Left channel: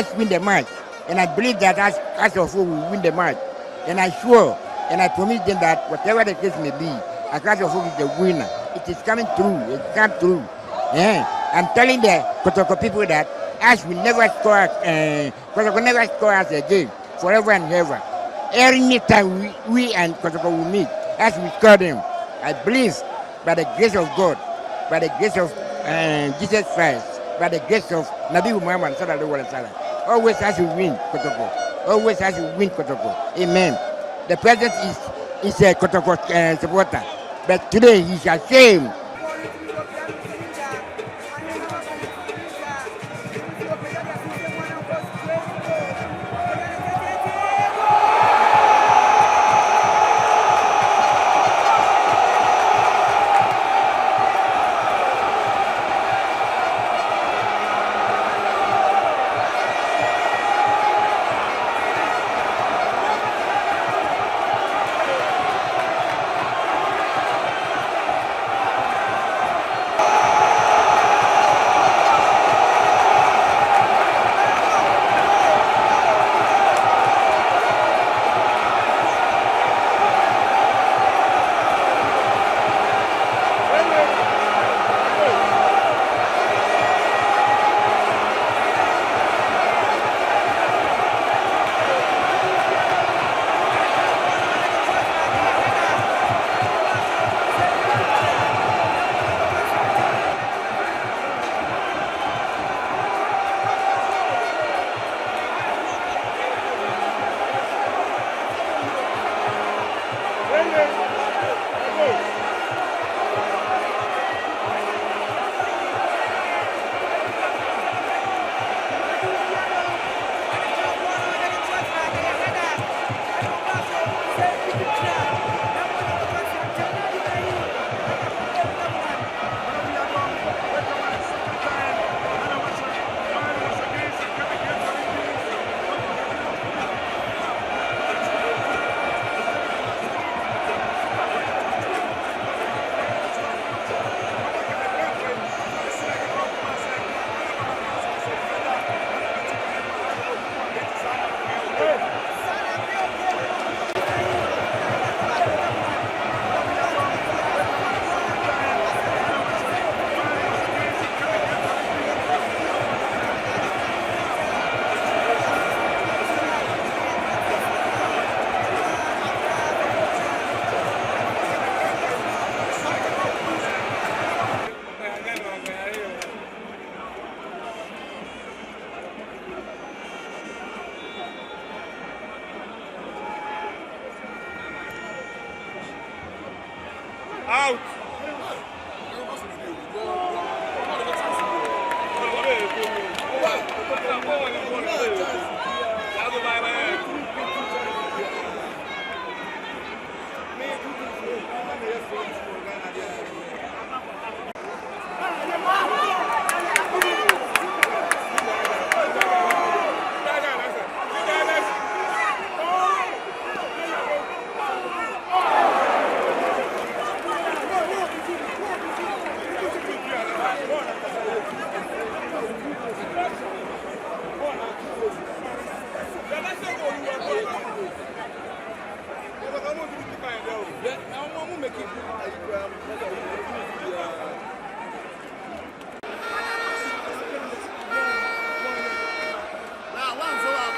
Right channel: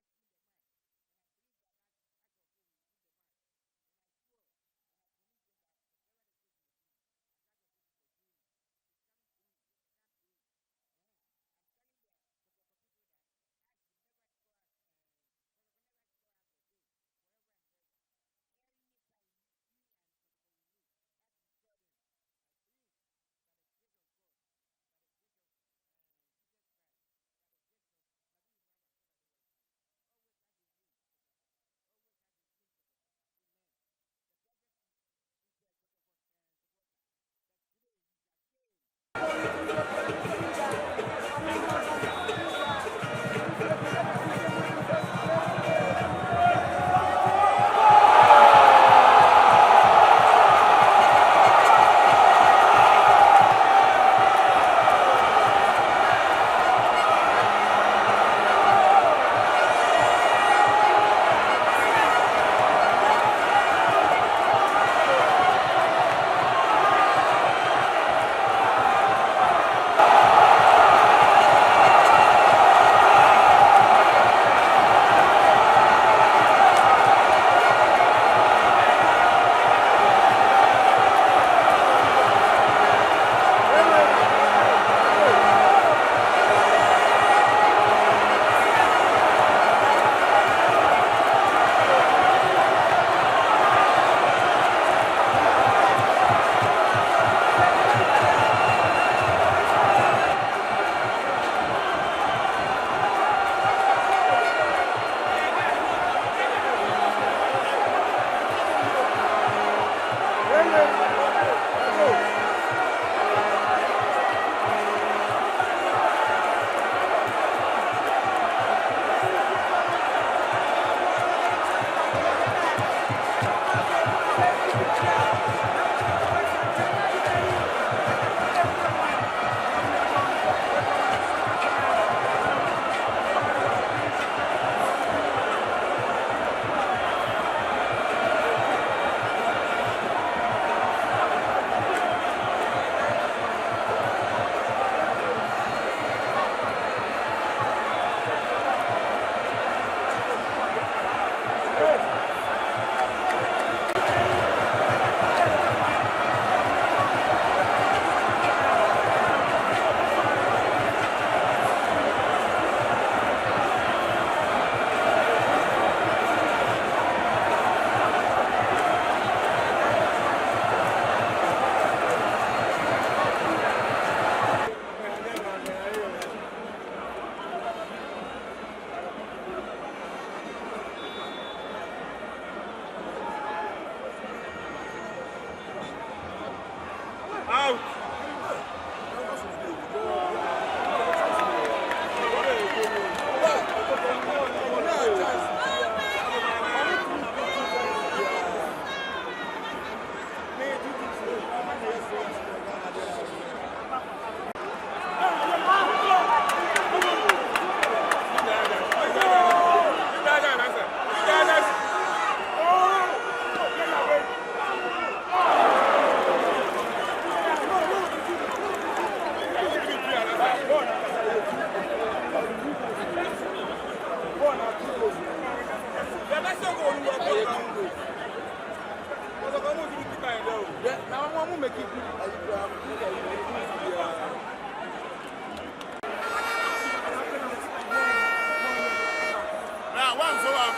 us win the match. And I believe that us also will win the match. And I sure, and I promise them that whatever the case may be, Akasha also is the winner. It is coming through. It come through. Yeah. I'm telling the Kotoko people that us will never score, Kotoko never score us again, forever and ever. Every time we and Kotoko will meet, as we score them, I believe by the grace of God, by the grace of Jesus Christ, by the grace of Nabi Muhammad sallallahu alaihi wasallam, always has to win Kotoko. Always has to win Kotoko. Amen. The president is a Kotoko supporter, but today he's ashamed. Out!